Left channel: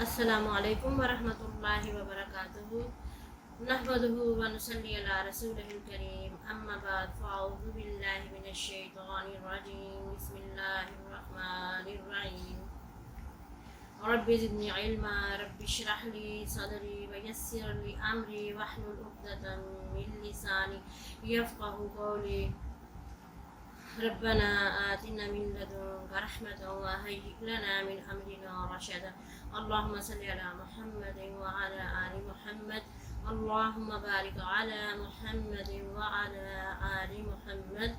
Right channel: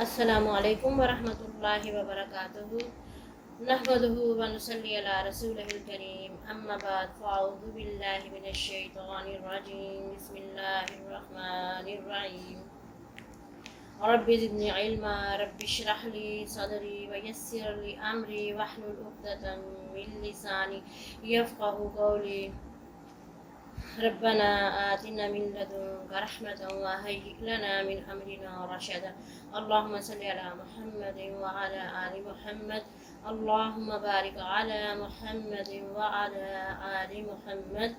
السلام علیکم ورحمۃ اللہ وبرکاتہ نحمدہ ونصلی علی رسولہ الکریم اما بعد فاعوذ باللہ من الشیطان الرجیم بسم اللہ الرحمن الرحیم رب زدنی علما رب اشرح لی صدری ویسر لی امری واحلل عقدۃ من لسانی یفقهوا قولی ربنا آتنا من لدنك رحمة وهيئ لنا من أمرنا رشدا اللهم صل على محمد وعلى آل محمد اللهم بارك على محمد وعلى آل محمد۔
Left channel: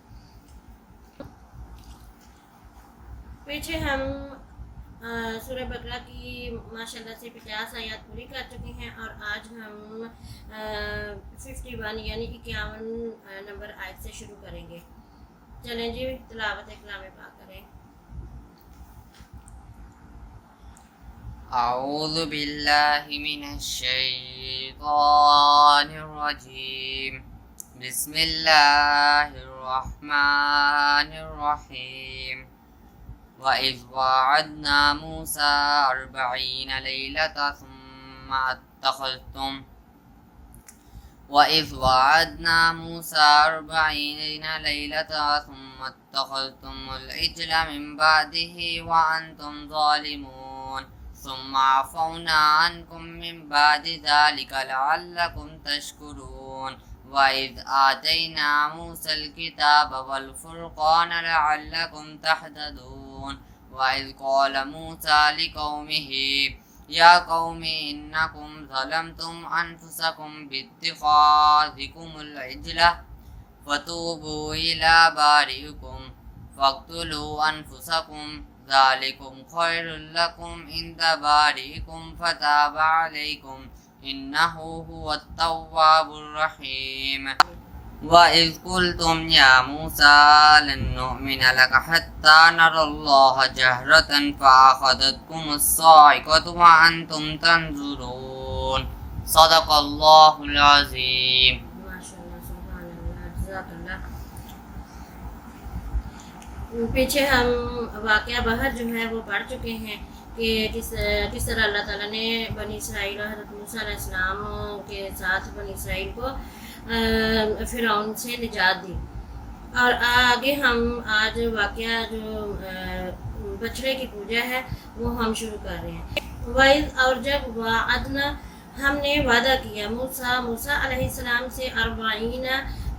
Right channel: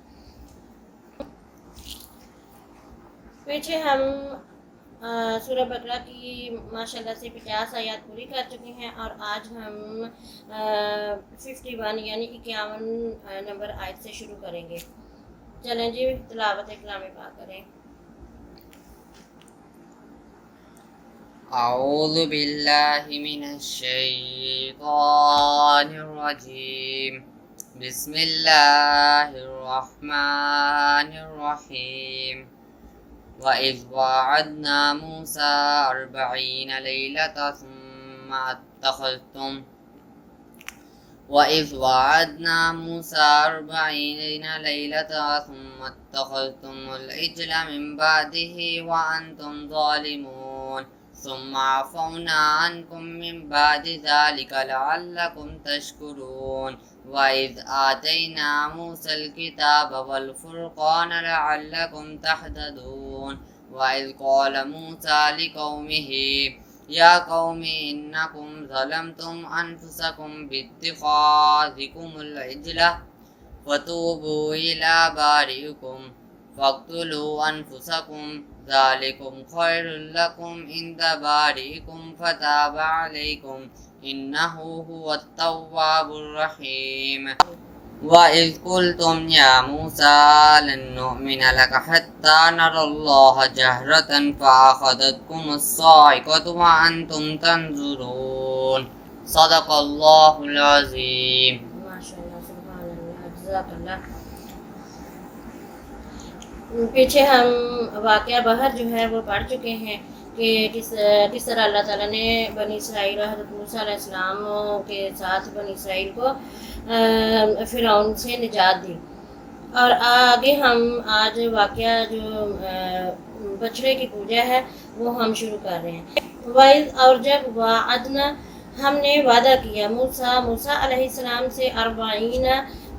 پیچھے ہم سورہ بقرہ کی ماشاءاللہ سے 50 آیات پوری کر چکے ہیں اور آج ہم 51 یعنی 51 نمبر آیت سے شروع کریں گے۔ چلیں جی تلاوت کلام پاک کریں۔ اعوذ باللہ من الشیطان الرجیم بسم اللہ الرحمن الرحیم وَإِذْ وَاعَدْنَا مُوسَىٰ 40 لَيْلَةً ثُمَّ اتَّخَذْتُمُ الْعِجْلَ مِن بَعْدِهِ وَأَنْتُمْ ظَالِمُونَ ثُمَّ عَفَوْنَا عَنْكُم مِّن بَعْدِ ذَلِكَ لَعَلَّكُمْ تَشْكُرُونَ وَإِذْ آتَيْنَا مُوسَى الْكِتَابَ وَالْفُرْقَانَ لَعَلَّكُمْ تَهْتَدُونَ وَإِذْ قَالَ مُوسَى لِقَوْمِهِ يَا قَوْمِ إِنَّكُمْ ظَلَمْتُمْ أَنفُسَكُمْ بِاتِّخَاذِكُمُ الْعِجْلَ فَتُوبُوا إِلَىٰ بَارِئِكُمْ فَاقْتُلُوا أَنفُسَكُمْ ذَلِكُمْ خَيْرٌ لَكُمْ عِندَ بَارِئِكُمْ فَتَابَ عَلَيْكُمْ إِنَّهُ هُوَ التَّوَّابُ الرَّحِيمُ وَإِذْ قُلْتُمْ يَا مُوسَىٰ لَن نُّؤْمِنَ لَكَ حَتَّىٰ نَرَى اللَّهَ جَهْرَةً فَأَخَذَتْكُمُ الصَّاعِقَةُ وَأَنْتُمْ تَنظُرُونَ صدق اللہ العظیم۔ ماشاءاللہ سبحان اللہ جزاک اللہ۔ پیچھے ہم واقعہ بحر جو ہے وہ پڑھ چکے ہیں کہ کس طرح اللہ تعالیٰ نے بنی اسرائیل اور حضرت موسیٰ علیہ السلام کے ساتھ بنی اسرائیل کو فرعون سے نجات دی۔ اور آگے ہم آج واقعہ جو بچڑے کی پوجا ہے وہ ہم شروع کر رہے ہیں۔ وَإِذْ اور جب وَعَدْنَا ہم نے وعدہ کیا موسیٰ علیہ السلام سے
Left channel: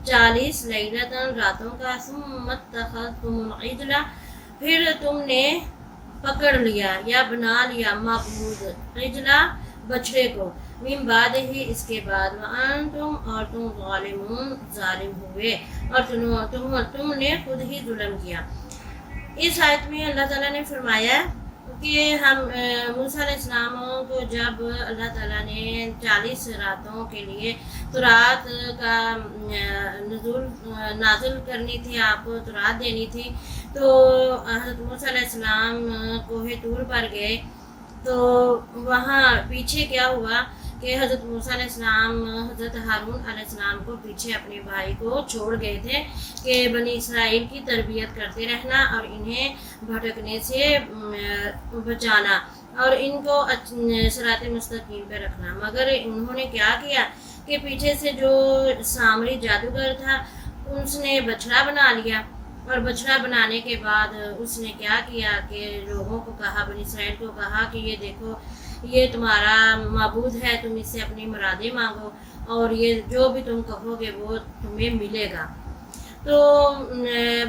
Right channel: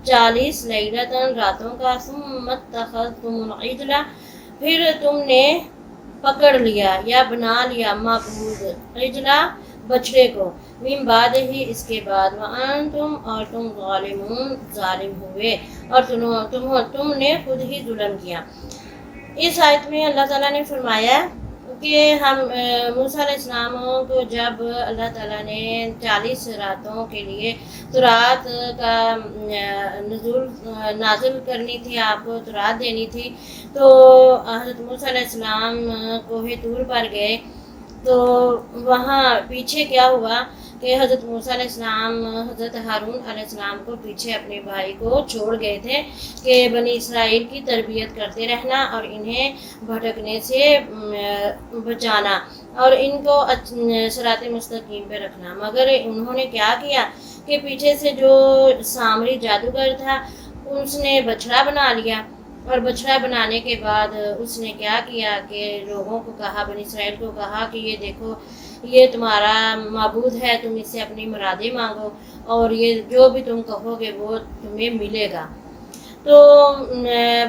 40 لیلتاً راتوں کا ثم اتخذتم العجل پھر تم نے پکڑ لیا یا بنا لیا معبود عجلہ بچڑے کو من بعد ہی اس کے بعد وانتم اور تم ظالمون ظالم ہوئے اور تم نے خود ہی ظلم کیا۔ اس آیت میں اللہ تعالیٰ نے فرمایا کہ ہم موسیٰ علیہ السلام کو جب اللہ تعالیٰ نے 40 راتوں کے لیے تورات کا نازل کرنی تھی، آپ کو تورات دینی تھی، تو حضرت موسیٰ علیہ السلام کوہ طور پر گئے تو وہاں پیچھے کیا ہوا کہ حضرت موسیٰ علیہ السلام حضرت ہارون علیہ السلام کو پیچھے اپنے بھائی کو چھوڑ گئے تھے کہ بنی اسرائیل کی تربیت کرتے رہنا اور انہیں بھٹکنے سے بچانا اور ان کو صراط مستقیم پہ رکھنا۔ مگر انہوں نے کیا کیا کہ پیچھے سے جو سامری جادوگر تھا اس نے بچڑا بنا لیا، اور بچڑا بنانے کے بعد اس نے کیا کیا کہ لوگوں کو کہا، بنی اسرائیل کو کہا کہ یہ دیکھو یہ تمہارا معبود ہے، تم اس سے اپنی مرادیں مانگو اور یہ جو بھی تم کہو گے وہ تمہیں ملے گا۔ تو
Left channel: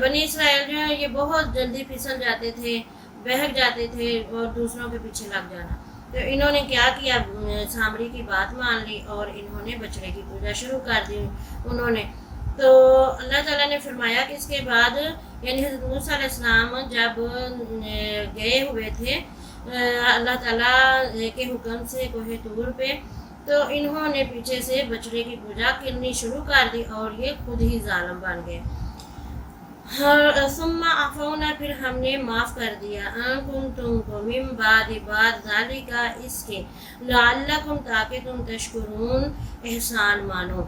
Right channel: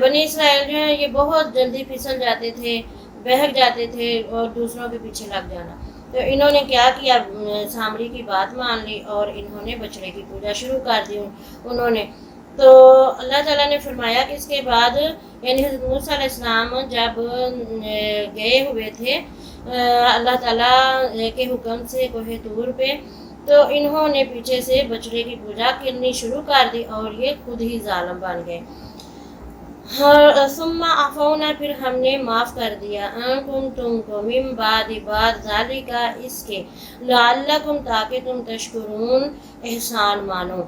بنی اسرائیل جو ہے یہ بہت جلدی پھسل جاتے تھے، بہک جاتے تھے اور دوسروں کے پیچھے لگ جانا۔ تو انہوں نے کیا کیا، سامری کی بات مان لی اور انہوں نے بچڑے کی پوجا شروع کر دی انہوں نے۔ تو اللہ تعالیٰ نے فرمایا کہ اس کے بعد یعنی حضرت موسیٰ علیہ السلام جب گئے ہوئے تھے اللہ تعالیٰ کے حکم سے کوہ طور پہ، تو انہوں نے پیچھے سے بچڑے کی پوجا کرنی شروع کر دی اور یہ خود ہی ظالم بن گئے۔ ثم عفونا پھر ہم نے معاف کر دیا عنکم تم کو من بعد ذالک اس کے لعلکم تاکہ تم تشکرون احسان مانو۔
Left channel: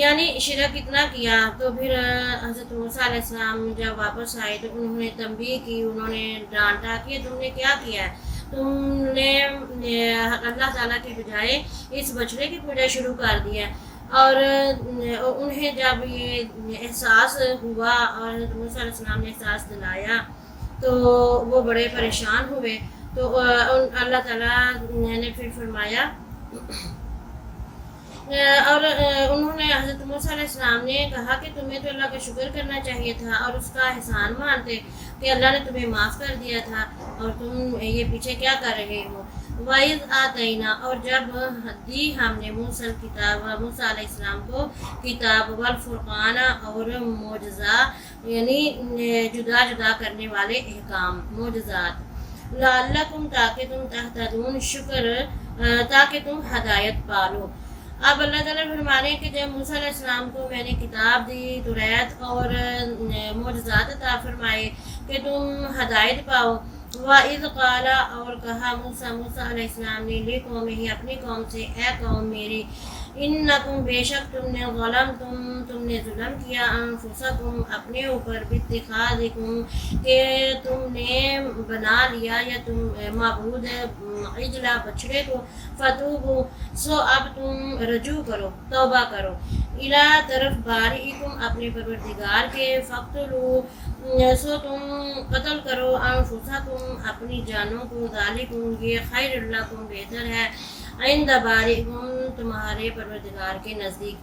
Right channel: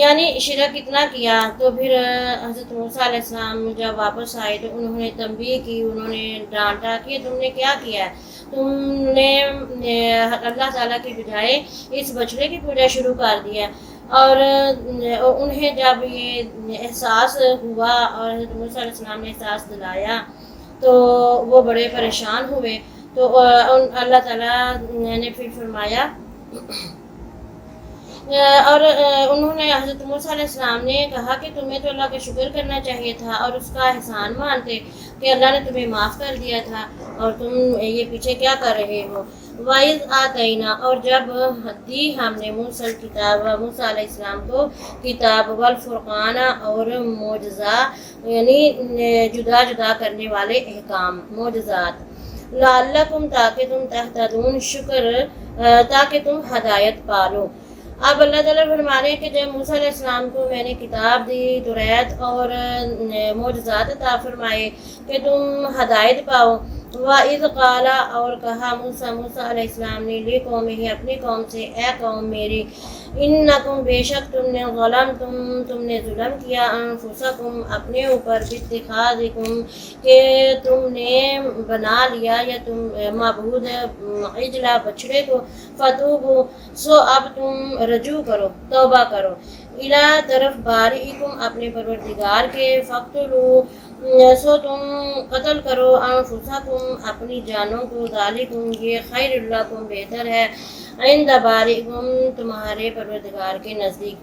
یعنی شرک اتنا کیا تو پھر حضرت موسیٰ علیہ السلام جب واپس آئے تو انہوں نے تنبیہ کی، انہوں نے ڈانٹا کہ تم نے کیا کیا ہے۔ تم نے اللہ تعالیٰ کے بجائے اس بچڑے کی پوجا شروع کر دی ہے۔ اور انہیں جب یہ احساس ہوا اور حضرت موسیٰ علیہ السلام نے احساس دلایا تو وہ بڑے پریشان ہوئے۔ تو اللہ تعالیٰ نے پھر فرمایا اور انہوں نے حضرت موسیٰ علیہ السلام نے کہا کہ تمہیں تو اللہ کا شکر کرنا چاہیے تھا اور اس کا احسان مانتے کہ اللہ نے تمہیں معاف کر دیا تھا، اور تم یہ پیچھے کیا کر رہے ہو۔ وَإِذْ آتَيْنَا، اور جب دی ہم نے موسیٰ علیہ السلام کو کتاب، والفرقان، اور معجزہ یعنی جدا جدا کرنے والے احکام، معجزات، لعلکم تاکہ تم تہتدون، شکر تاکہ تم ہدایت پالو۔ اب اللہ تعالیٰ فرمانے ہیں کہ جب موسیٰ علیہ السلام کو میں نے کتاب دی، توریت اور معجزات عطا فرمائے کہ تم ہدایت پاؤ۔ وَإِذْ قَالَ، اور کہا موسیٰ علیہ السلام نے لِقَوْمِهِ، اپنی قوم سے، اے قوم میری، انکم، بے شک تم نے، تم نے ظلم کیا، انفسکم، اپنے اوپر، باتخاذکم، کہ تم نے بنا لیا یا تم معبود عجلہ، بچڑے کو، فتوبوا، سو اب تم رجوع کرو، توبہ کرو، الی، طرف، بارئکم، اپنے پروردگار کے، فاقتلوا، سو تم قتل کرو، انفسکم، اپنی جانوں کو، ذالکم، یہ خیر لکم، بہتر ہے، عند بارئکم، تمہارے پروردگار کے نزدیک۔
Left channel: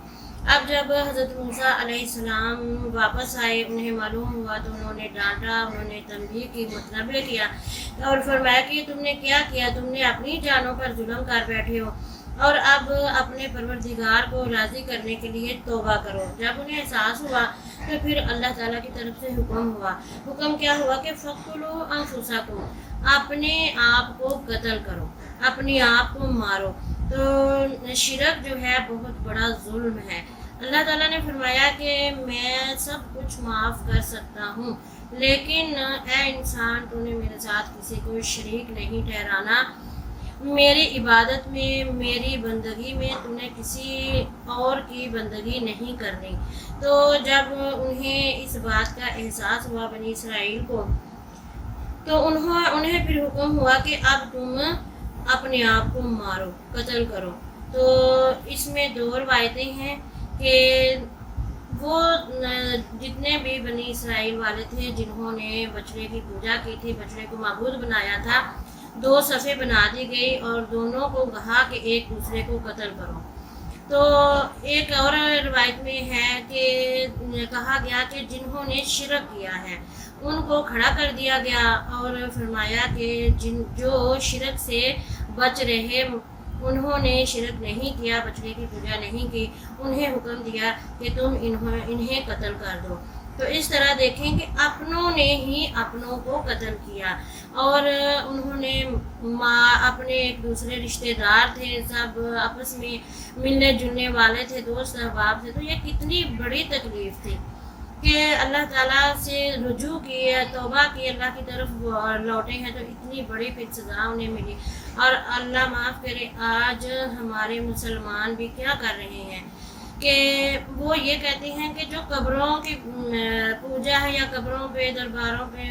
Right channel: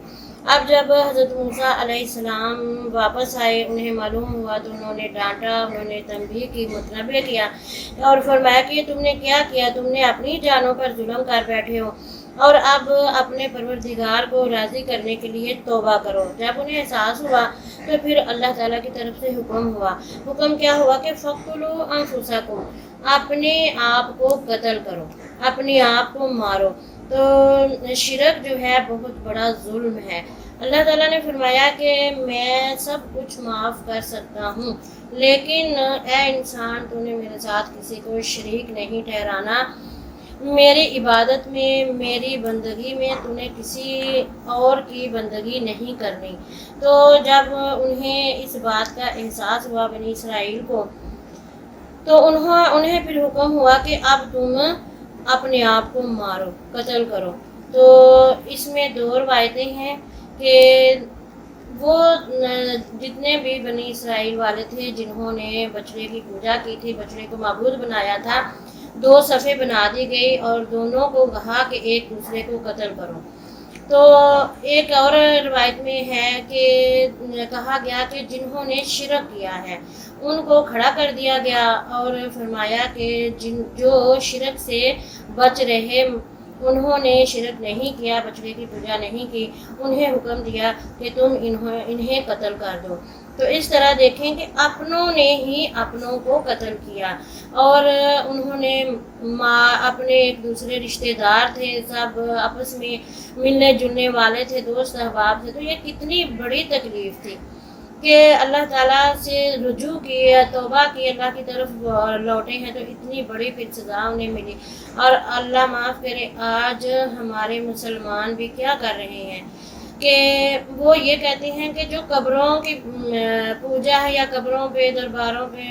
اب جب حضرت موسیٰ علیہ السلام واپس آئے، انہیں معلوم ہوا تو انہوں نے ڈانٹا، انہوں نے تنبیہ کی، متنبہ کیا اور فرمایا کہ تم نے کیا کیا، تم نے اپنی جانوں پر ظلم کر بیٹھے ہو، اور اب اپنے پروردگار کو راضی کرنے کے لیے توبہ کرو۔ جب انہیں احساس ہوا تو پھر اللہ تعالیٰ کی طرف سے حکم ہوا۔ حکم کیا ہوا کہ فَقْتُلُوا أَنفُسَكُمْ، اپنے آپ کو قتل کرو، اپنے آپ کو مارو۔ تو شرک جو ہے بہت بڑا ظلم ہے۔ اللہ تعالیٰ نے فرمایا کہ میں سب کچھ معاف کر سکتا ہوں، لیکن اے انسان، تو نے میرے ساتھ کسی کو شریک نہیں ٹھہرانا، میری عبادت میں، میری بندگی میں تو نے کسی اور کی بندگی نہیں کرنی۔ تو جب انہیں اس بات کا احساس ہوا بنی اسرائیل کو، تو انہیں پھر حکم ہوا کہ اب تم اپنے آپ کو مارو، قتل کرو۔ تو اس میں دو روایتیں ہیں کہ وہ جتنے بھی بنی اسرائیل والے تھے جنہوں نے بچڑے کی پوجا کی تھی، بچڑے کو معبود بنایا تھا، دو صفیں بنا دی گئی اور دونوں کو کہا کہ ایک دوسرے کو قتل کرو۔ تو ایک اور روایت میں ہے کہ کہا گیا کہ جنہوں نے شرک کیا ہے ان کو کھڑا کر دیا گیا، اور فرمایا کہ جو شرک سے بچ رہے، انہوں نے شرک نہیں کیا، بچڑے کی پوجا نہیں کی، انہیں حکم دیا کہ تم انہیں قتل کر دو۔ تو اس طرح دیکھیں کہ اپنوں نے ہی اپنوں کو قتل کیا، اور انہوں نے اپنے ایک دوسرے رشتہ دار تھے، سب آپس میں ملنے جلنے والے تھے، دوست احباب تھے۔ تو یہ کتنی بڑی تکلیف تھی کہ اللہ تعالیٰ سے رجوع کی، توبہ کی، اللہ کی طرف لوٹے ہیں، تو اتنی بڑی پھر سزا انہیں ملی۔ اور اللہ معاف کرے، آج ہمارے مسلمان بھی کیا کر رہے ہیں کہ وہ یہ کہتے ہیں کہ جو قبروں کی پوجا ہے یا قبروں پہ، درباروں پہ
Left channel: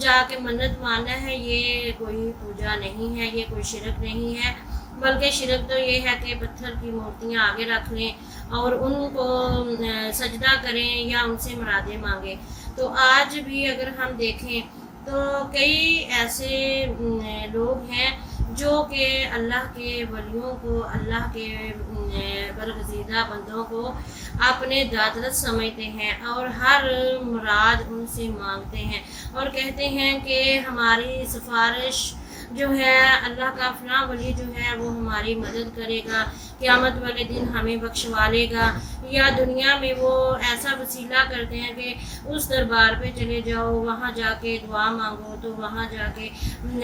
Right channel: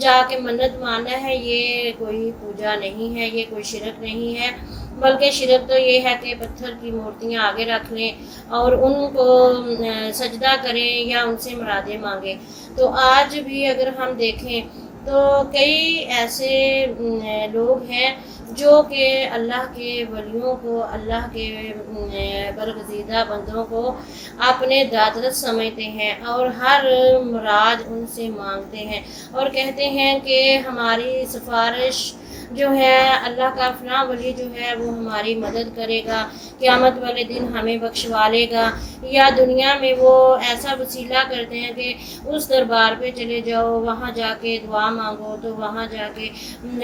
جا کے منت ماننا ہے، یہ کوئی پوجا نہیں ہے، یہ کوئی شرک نہیں ہے، بلکہ شرک تو یہ ہے کہ پتھر کی مورتیاں آگے رکھ لیں اور ان کو سجدہ کریں یا ان سے مرادیں مانگیں۔ تو آج بھی اگر ہم دیکھیں تو کئی ایسے لوگ ہیں جو کہ اللہ کے ولیوں کو، اللہ کے برگزیدہ بندوں کو اپنے دادرس سمجھتے ہیں اور ہر مراد ان سے مانگتے ہیں اور کہتے ہیں کہ ہماری سفارش جو ہے، اللہ کا فلاں ولی جو ہے وہ ہماری مدد کرے گا، قیامت والے دن ہمیں بخشوا لے گا، یا دنیا میں وہ ایسا وسیلہ کرتے ہیں کہ اس دربار پہ چلے جاؤ، وہاں جا کے دعا مانگو، تو وہاں جا کے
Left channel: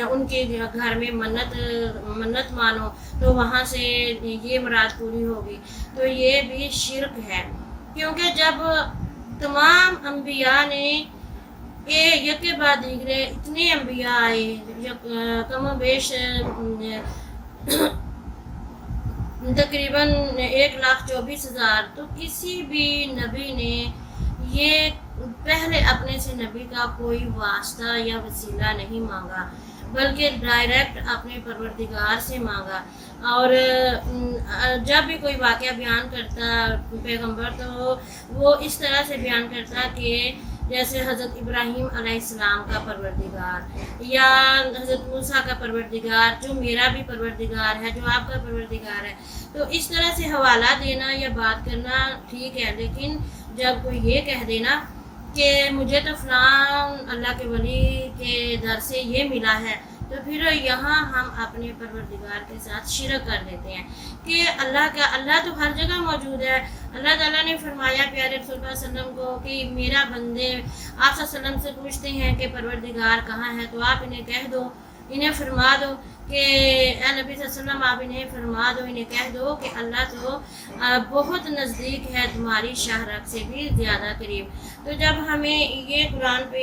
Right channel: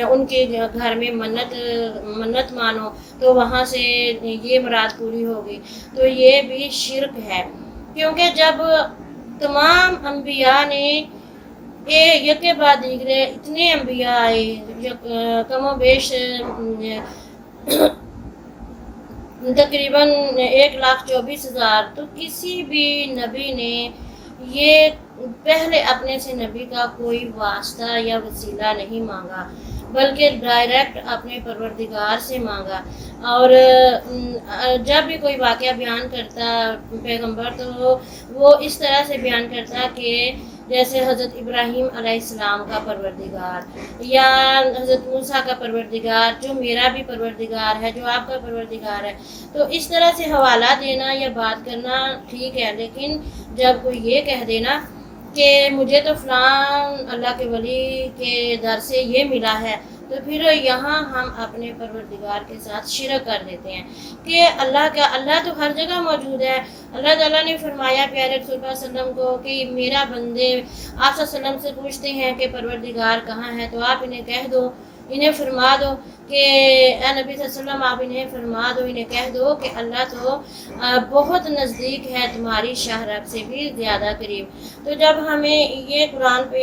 ان کے گھر میں منت مانو تو وہاں سے یہ مراد پوری ہوگی۔ تو یہ بھی شرک ہے، کیونکہ جب تمام انبیاء نے یکے بعد دیگرے اتنے انبیاء آئے، کم و بیش تقریباً 1,24,000، تو کسی بھی نبی نے یہ پہلے اپنے سے نبی کا کوئی واسطہ یا وسیلہ نہیں مانگا، بلکہ ڈائریکٹ اپنے پروردگار سے مانگا۔ اور جب بھی کوئی واقعہ بیان کرتا پیغمبر تو وہ اس طرح سے بیان کرتا کہ جیسے حضرت ابراہیم علیہ السلام کا پروردگار یا حضرت موسیٰ کا پروردگار جو میرا بھی پروردگار ہے، جو آپ کا پروردگار ہے۔ تو اس طرح سے حوالہ دینا یا بات کرنا ٹھیک ہے، لیکن جب کوئی یہ کہہ دینا کہ مجھے تو فلاں اللہ کے ولی کے در سے یہ ملا ہے، تو پھر یہاں ہم اپنے پروردگار کے ساتھ شرک کر دیتے ہیں کہ اللہ تو ہر جگہ موجود ہے۔ اللہ تعالیٰ نے فرمایا پیارے رسول اللہ صلی اللہ علیہ وسلم کو کہ میرا بندے آپ صلی اللہ علیہ وسلم سے پوچھتے ہیں کہ پروردگار کہاں ہے، تو آپ انہیں کہہ دو، انہیں فرما دو کہ اے نبی صلی اللہ علیہ وسلم آپ انہیں فرما دو، انہیں کہہ دو کہ اللہ تو بہت نزدیک ہے، تمہاری شاہ رگ سے بھی زیادہ قریب۔ تو جب ہمیں یہ قرآن پہ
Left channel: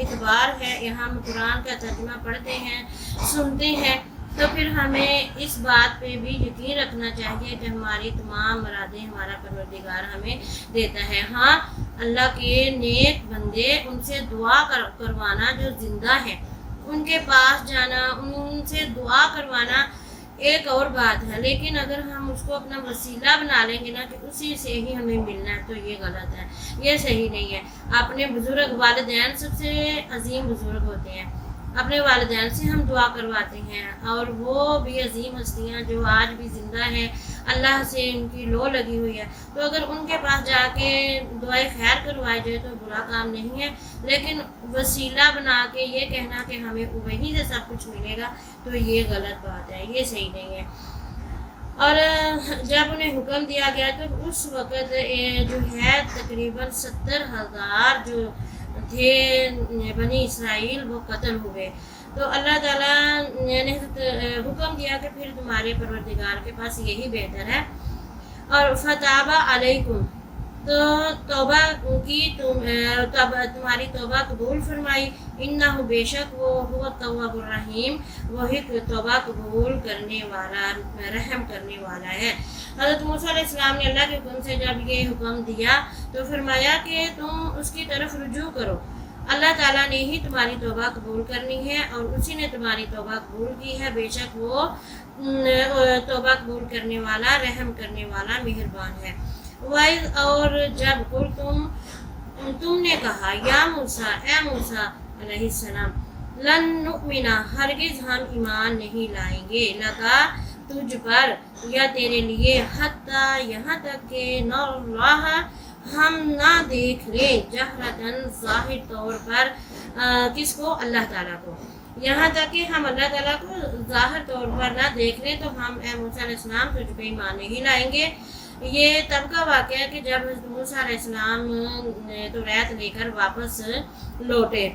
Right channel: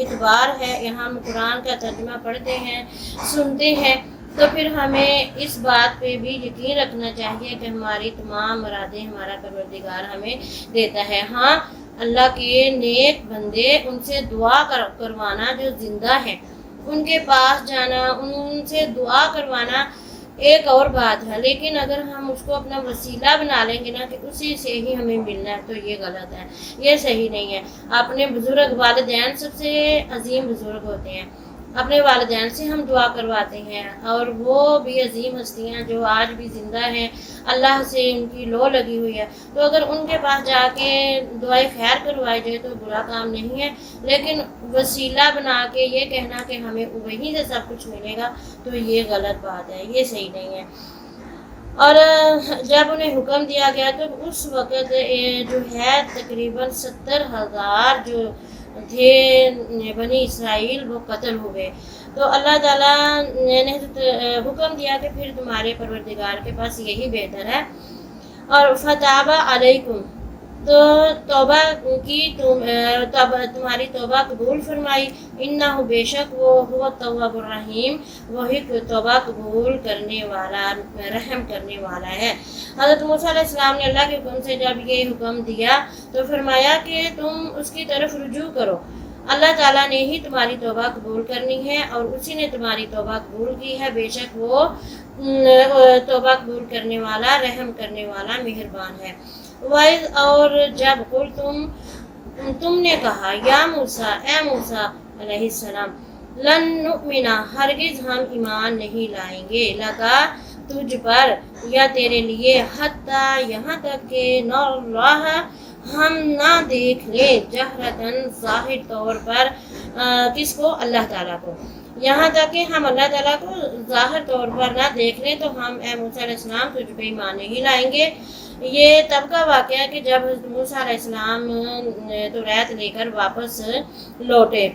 اعتبار ہے، ہم قرآن کا ترجمہ پڑھتے ہیں، سنتے ہیں، تو پھر ہمیں اس بات پہ بھی یقین رکھنا چاہیے کہ ہماری تمام مرادیں ہمارا پروردگار ہمیں دیتا ہے۔ ہاں، اللہ کے نیک بندے ان سے دعا کروانا جو زندہ ہیں، ان کے پاس جانا، ان سے دعا کروانا ایک اور بات ہے، لیکن اگر ہم اس کو اپنا وسیلہ بنا لیں گے نا کہ اسی سے ہی ہمیں ملنا ہے، تو یہ غلط ہے، یہ صحیح نہیں ہے۔ اپنے بزرگ والدین سب سے عظیم بزرگ ہوتے ہیں، اپنے والدین سے ہم دعا کرواتے ہیں، اور وہ بھی عظیم ہستیاں جو آج بھی زندہ ہیں، اللہ سے ان کی لو لگی ہوئی ہے، تو اگر ان کے پاس جا کے دعائے خیر کروائی جائے تو برا کام نہیں ہے، لیکن وسیلہ بنا کے یہ کہنا کہ ہمیں وہیں سے سب کچھ ملے گا، تو یہ غلط بات ہے، یہ صحیح نہیں ہے۔ اور جب انہیں حکم دیا گیا تو اس وقت جو ہے تقریباً 70,000 جو تھے بنی اسرائیل وہ قتل ہوئے۔ تو اللہ تعالیٰ نے حکم دیا کہ پھر تمہارے پروردگار کے پاس یہی بہتر ہے، اور فتاب علیکم، تو توبہ کی تمہاری توبہ قبول فرمائی، انہ بے شک وہ هو التواب الرحیم، وہی توبہ قبول کرنے والا رحم کرنے والا ہے۔ حضرت موسیٰ علیہ السلام نے اللہ کے حکم سے جب یہ حکم دیا تو فرمایا کہ تم اس کی طرف رجوع کرو، اللہ تعالیٰ نے ہی تمہاری توبہ قبول کرنی ہے اور اسی نے تمہاری توبہ قبول کی ہے، بے شک وہ توبہ قبول کرنے والا رحم کرنے والا مہربان ہے۔ وَإِذْ اور جب قل تم نے کہا یا موسیٰ، اے موسیٰ علیہ السلام، لن نؤمن ہرگز ہم ایمان نہیں لائیں گے، لگا تجھ پر یا تیرے لیے، حتیٰ یہاں تک کہ نراہ ہم نہ دیکھ لیں، جہرتاً ظاہر طور پر، کس کو؟ اللہ تعالیٰ کو، یہاں تک کہ ہم اللہ تعالیٰ کو ظاہر طور پر نہ دیکھ لیں تو ہم اے موسیٰ علیہ السلام تجھ پہ ایمان نہیں لائیں گے۔ یہ تب کا واقعہ ہے کہ جب حضرت موسیٰ علیہ السلام توریت لے کر واپس لوٹے،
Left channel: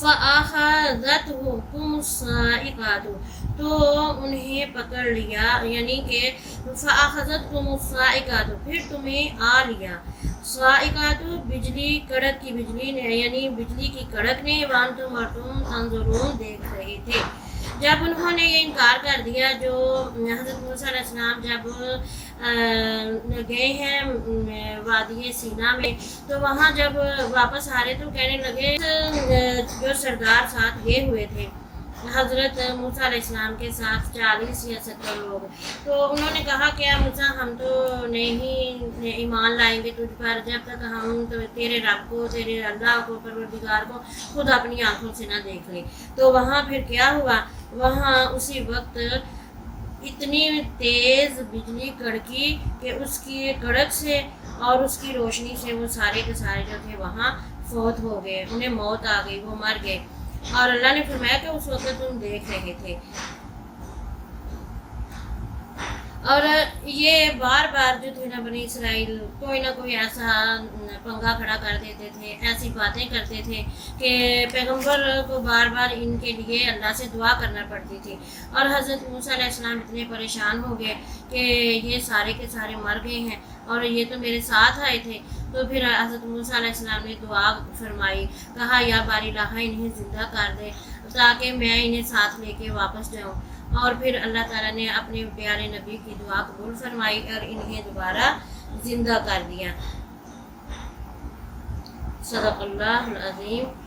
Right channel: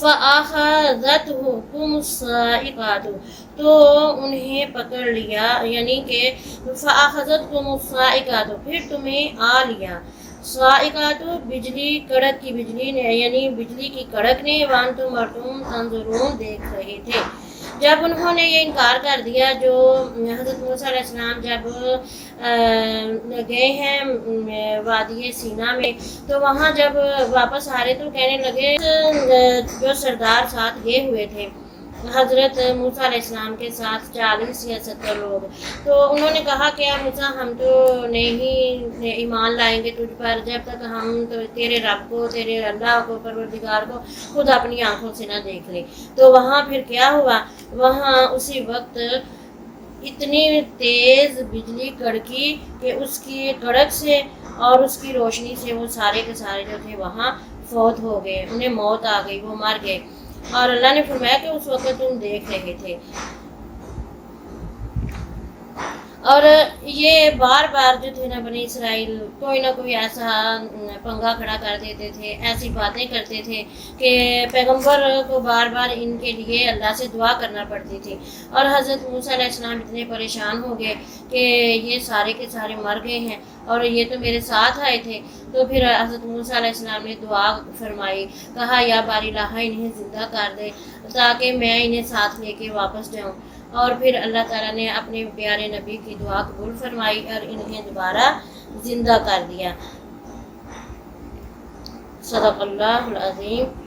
فَأَخَذَتْهُمُ الصَّاعِقَةُ، تو انہیں پکڑ لیا، یعنی کہ فَأَخَذَتْهُمُ الصَّاعِقَةُ، پھر تمہیں آ لیا، صاعقہ بجلی، کڑک کی بجلی نے، یعنی بجلی کی کڑک نے، وانتم اور تم تنظرون دیکھ رہے تھے۔ جب انہوں نے یہ انکار کر دیا، جو حضرت موسیٰ علیہ السلام جب گئے ہیں وادی سینا میں، تو وہاں جب واپس آ رہے تو کہنے لگے، جو سردار ساتھ گئے ہوئے تھے حضرت موسیٰ علیہ السلام کے ساتھ 40 یا 70 لوگ، تو انہوں نے کہا کہ موسیٰ ہم تو نہیں ایمان لائیں گے تجھ پر جب تک ہم تو تیرے رب کو، تیرے اللہ کو، پروردگار کو خود اپنی آنکھوں سے نہ دیکھ لیں۔ تو وہاں پھر کیا ہوا، وہاں اسی وقت اتنی تیز بجلی کڑکی کہ اس کی کڑک سے اور اس کی روشنی سے وہ سارے کے سارے جو تھے وہاں فوت ہو گئے، انہیں موت آ گئی، وہ مر گئے۔ اور اللہ نے فرمایا کہ اس وقت تم دیکھ رہے تھے۔ اور یہ بار بار جو تھے نا بنی اسرائیل کوئی نہ کوئی ایسا پنگا کھڑا کر دیتے تھے، ایسی باتیں کرتے تھے کہ پیغمبر کو بار بار ان کے لیے اللہ سے دعا کرنا پڑتی تھی، اور حضرت موسیٰ علیہ السلام اتنے پریشان ہو گئے کہ یہ سارے کے سارے مر گئے ہیں اور یہ تو میرے ساتھ آئے تھے۔ تو پھر حضرت موسیٰ علیہ السلام نے دعا فرمائی، کہا یا باری الہ انہیں زندہ کر دے تاکہ میں انہیں ساتھ لے کے واپس جاؤں، اور پھر اللہ تعالیٰ نے اپنے پیارے نبی کی دعا قبول فرمائی اور انہیں دوبارہ زندہ کر دیا۔ صدق اللہ العظیم۔